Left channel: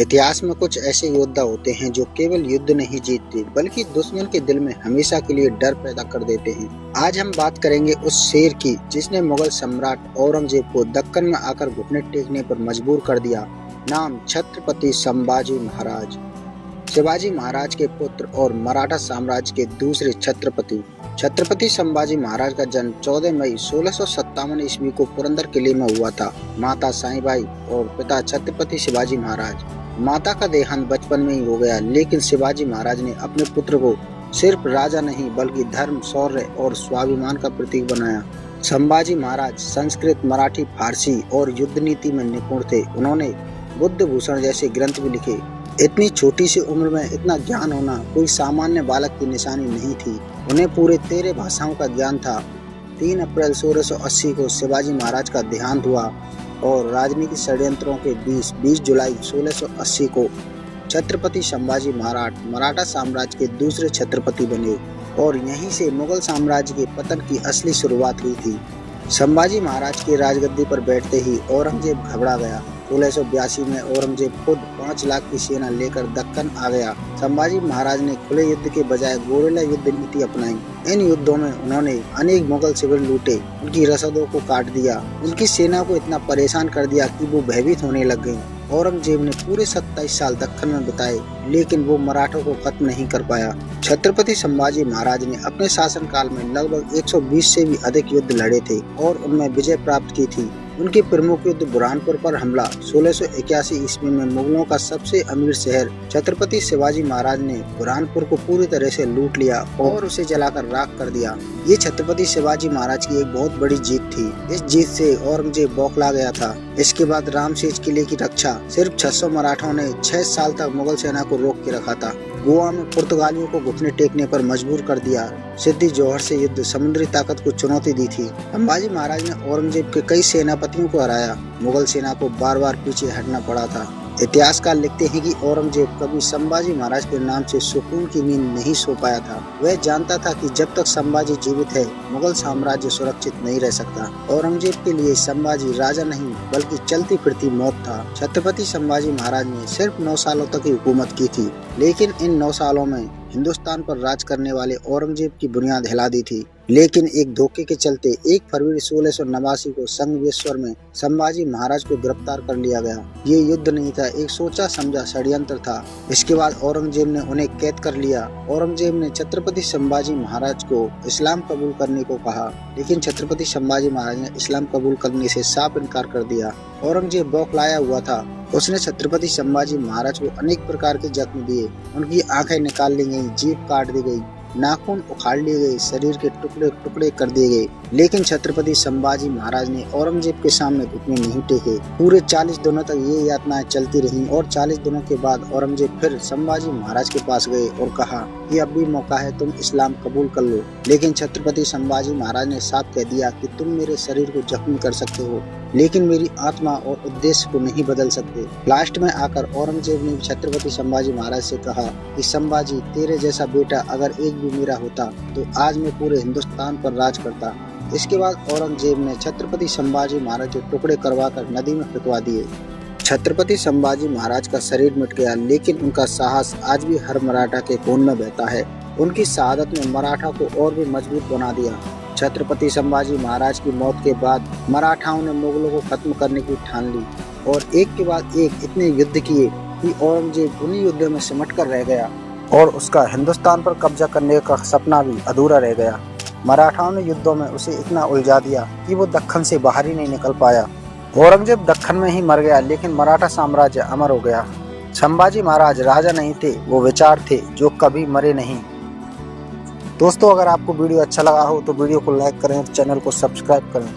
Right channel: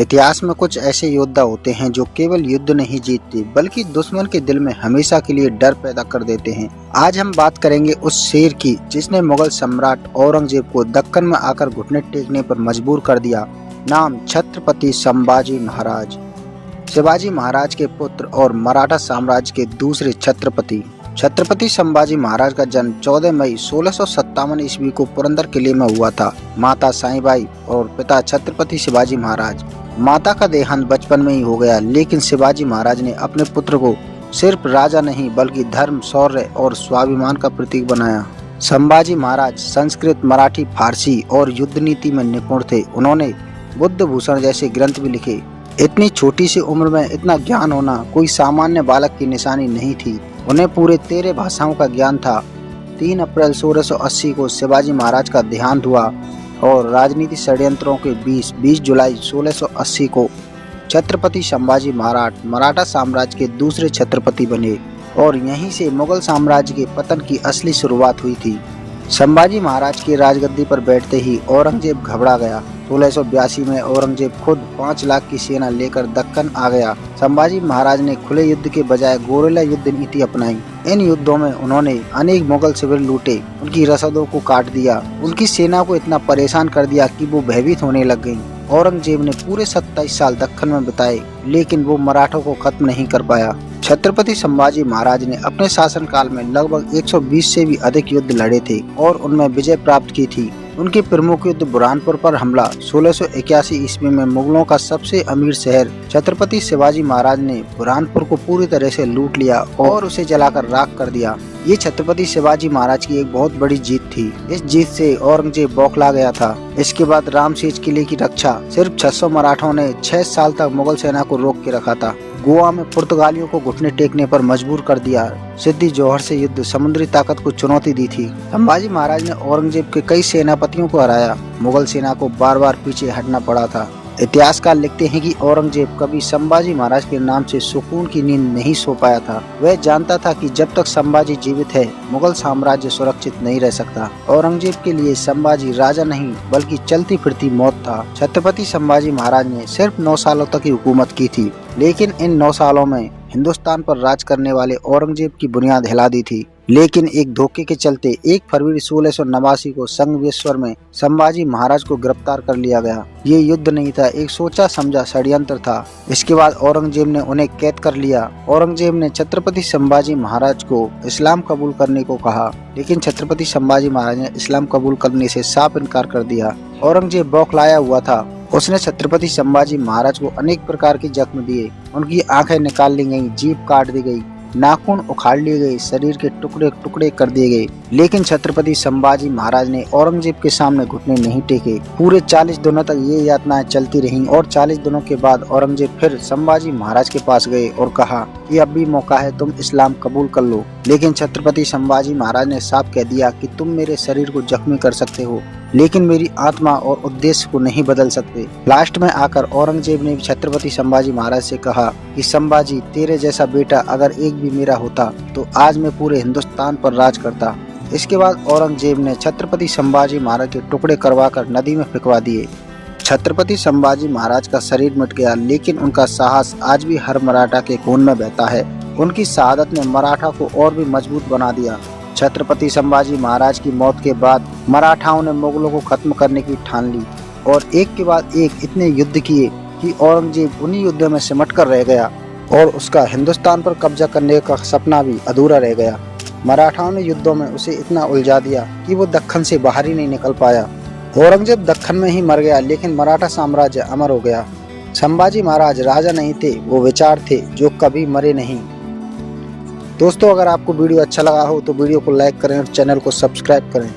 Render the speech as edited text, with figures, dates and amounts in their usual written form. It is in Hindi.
इतिहास में कुछ ऐसे योद्धा होते हैं जो केवल युद्ध नहीं जीतते बल्कि दुश्मन के दिल में हमेशा के लिए डर पैदा कर देते हैं। आज हम बात करेंगे उस शेर की जिसने मुगल सम्राट औरंगजेब को दक्कन में आकर घुटने टेकने पर मजबूर कर दिया। नाम छत्रपति संभाजी महाराज। शिवाजी महाराज के पुत्र और मराठा साम्राज्य के दूसरे छत्रपति। छत्रपति संभाजी महाराज का जन्म 14 मई 1657 ईस्वी को पुरंदर किले में हुआ था। माता साईबाई और पिता छत्रपति शिवाजी महाराज। माता का देहांत बचपन में ही हो गया, लेकिन शिवाजी महाराज ने अपने पुत्र को सिर्फ राजा नहीं बल्कि धर्म, शौर्य और स्वाभिमान का प्रतीक बनाया। संभाजी महाराज संस्कृत, मराठी, फारसी और युद्ध नीति में निपुण थे। उन्होंने बुद्ध भूषण जैसे ग्रंथ भी लिखे। इतनी छोटी सी उम्र में इतना ज्ञान होना कोई सामान्य बालक की निशानी नहीं थी। उन्हें पूरे 13 भाषाओं का ज्ञान था। 3 अप्रैल 1680 को शिवाजी महाराज का देहांत हुआ और राजनीतिक षड्यंत्रों के बीच 20 जुलाई 1680 को छत्रपति संभाजी महाराज मराठा साम्राज्य के दूसरे छत्रपति बने और यहीं से मुगल साम्राज्य के पतन की असली शुरुआत हुई थी। संभाजी महाराज की राजगद्दी पर बैठते ही औरंगजेब घबरा गया। 1682 में औरंगजेब खुद 5 लाख की सेना लेकर दक्कन आ गया। संभाजी महाराज ने खुले युद्ध के बजाय गोरिल्ला युद्ध नीति अपनाई। इन युद्धों में उन्होंने अनेक मुगल शिविर लूटे, उनकी रसदों को काट दिया, उनकी सेना को इतना परेशान कर दिया कि वो भयभीत होने लग गयी। औरंगजेब ने पूरे 27 साल दक्कन में बिताए, लेकिन वो मराठों को खत्म नहीं कर पाया। छत्रपति संभाजी महाराज ने अपने शासनकाल में लगभग 120 से भी अधिक युद्ध लड़े थे और उनमें विजय प्राप्त की थी। उनके प्रमुख युद्ध बुरहानपुर पर हमला 1681 ईस्वी में मुगलों का सबसे अमीर शहर छत्रपति शिवाजी महाराज ने बुरहानपुर को पूरी तरह से लूट लिया और उसे जलाकर राख कर दिया। ये छत्रपति शिवाजी महाराज की एक बहुत बड़ी जीत थी। इस जीत से औरंगजेब बौखला गया था। इसके बाद रामसेज किले की रक्षा सिर्फ 600 मराठों ने 6 साल तक मुगल सेना को रोक के रखा था। गोवा में पुर्तगालियों को घुटने टेकने पर मजबूर कर दिया। सिद्दी जौहर से युद्ध समुद्री ताकत को चुनौती दी थी। संभाजी महाराज ने औरंगजेब के कई सेनापतियों को हराया। मुगल सेना को बार बार पीछे हटना पड़ा था। इतिहासकार लिखते हैं कि औरंगजेब कभी संभाजी महाराज के नाम से सुकून की नींद नहीं सो पाया था। वह जानता था कि जब तक संभाजी जीवित है मुगल साम्राज्य सुरक्षित नहीं रह सकता। औरंगजेब के लिए संभाजी राजा नहीं बल्कि चलती फिरती मौत था। छत्रपति संभाजी महाराज ने सिर्फ 9 सालों तक ही हुकूमत की थी, लेकिन इन 9 सालों में हिंदुस्तान पर राज करने वाले औरंगजेब की बुनियाद हिला दी थी। लेकिन एक धोखे के चलते 1 फरवरी 1689 को संगमेश्वर में संभाजी महाराज को गिरफ्तार कर लिया गया। ये युद्ध नहीं था, एक सोचा समझा षड्यंत्र था। इसके बाद औरंगजेब ने उन्हें कैद कर लिया। औरंगजेब ने छत्रपति संभाजी महाराज को इस्लाम कबूल करने को कहा, लेकिन छत्रपति संभाजी महाराज ने इस्लाम कबूल करने से साफ इनकार कर दिया। औरंगजेब बौखलाया हुआ था। उसने छत्रपति संभाजी महाराज को अनेक प्रकार के जख्म दिए। उनकी आंखें निकाल ली गयी, जीभ काट दी गई, नाखून उखाड़ लिए गए, शरीर के टुकड़े टुकड़े कर दिए गए, लेकिन छत्रपति संभाजी महाराज ने औरंगजेब के सामने घुटने नहीं टेके। पूरे 40 दिनों तक ये यातनाएं चलती रहीं और 40 दिनों के बाद औरंगजेब फिर संभाजी महाराज के पास गए और कहा कि अब भी मौका है, तुम इस्लाम कबूल कर लो। लेकिन छत्रपति संभाजी महाराज ने साफ कह दिया कि तुम मेरे शरीर को जख्मी कर सकते हो, लेकिन मेरी आत्मा और उद्देश्य को नहीं बदल सकते। लास्ट में आकर औरंगजेब ने छत्रपति संभाजी महाराज से कहा कि संभाजी, तेरे जैसा बेटा अगर एक भी मेरा होता तो आज मैं पूरे हिंदुस्तान पर राज करता। इसके बाद औरंगजेब ने छत्रपति संभाजी महाराज के टुकड़े करवाकर नदी में फेंकवा दिए। छत्रपति संभाजी महाराज का शरीर मिट गया, लेकिन उनका साहस आज भी हर मराठा के खून में बहता है। उनकी शहादत ने मराठा को और भी मजबूत बना दिया। छत्रपति संभाजी महाराज की मौत के बाद मराठाओं ने मुगलों को खत्म करने की ठान ली और एक के बाद एक इतने युद्ध किए कि औरंगजेब उन्हीं युद्धों में सिमट कर रह गया और उसका हिंदुस्तान पर कब्जा करने का सपना भी अधूरा रह गया। मराठाओं ने युद्धों में उसे इतना उलझा दिया कि वो दक्कन से बाहर ही नहीं निकल पाया। औरंगजेब दक्कन में ही मर गया, लेकिन मराठा साम्राज्य अमर हो गया। संभाजी महाराज राजा नहीं थे, वो विचार थे जो कभी मरे नहीं। दोस्तों, अगर आपको वीडियो अच्छा लगा हो तो वीडियो को लाइक करें और चैनल को सब्सक्राइब करें।